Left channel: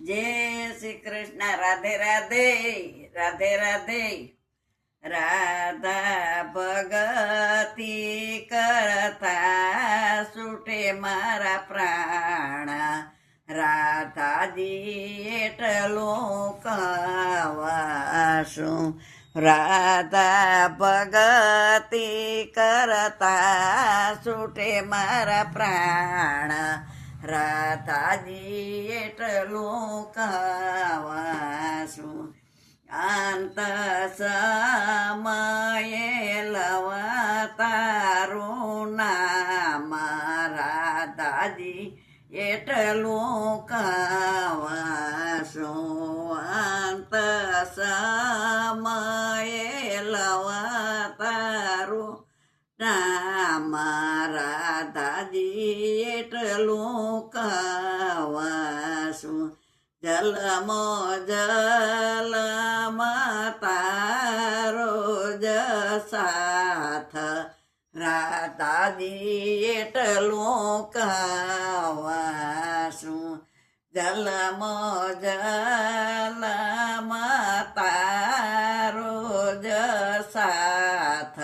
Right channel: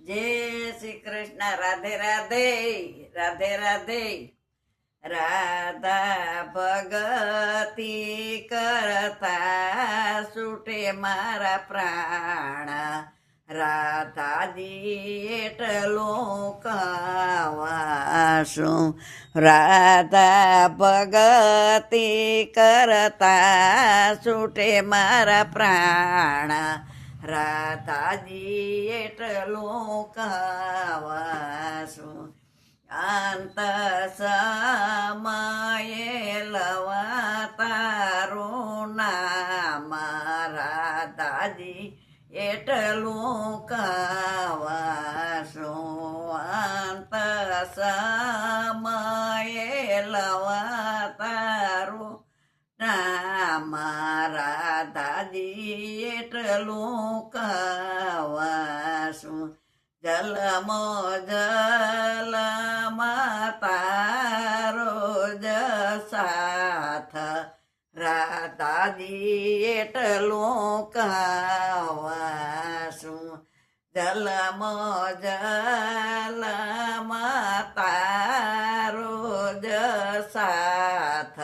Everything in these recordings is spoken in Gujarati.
જય શ્રી કૃષ્ણ. રાધે રાધે, રાધે રાધે. રાધા ભગતી કરતા છૂટે મારા પ્રાણ, રાધાજી એટલો કવાશું. રાધા ભગતી કરતા છૂટે મારા પ્રાણ, રાધાજી એટલો કવાશું. અંત સમયે લવા તારું નામ, રાધાજી એટલું કવાશું. અંત સમયે લવા તારું નામ, રાધાજી એટલું કવાશું. જલમો જલમાં તારો જ સાથ, રાધાજી એટલું કવાશું. જલમો જલમાં તારો જ સાથ,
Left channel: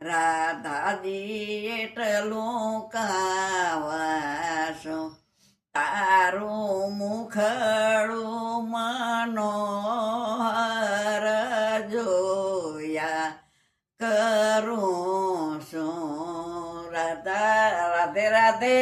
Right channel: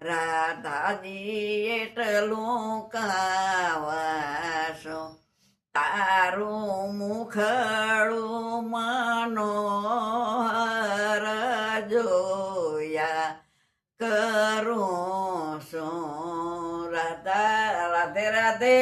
રાધાજી એટલું કવાશું. તારું મુખડું મનોહર જોયા કરું છું. રાધા રાધે રાધે.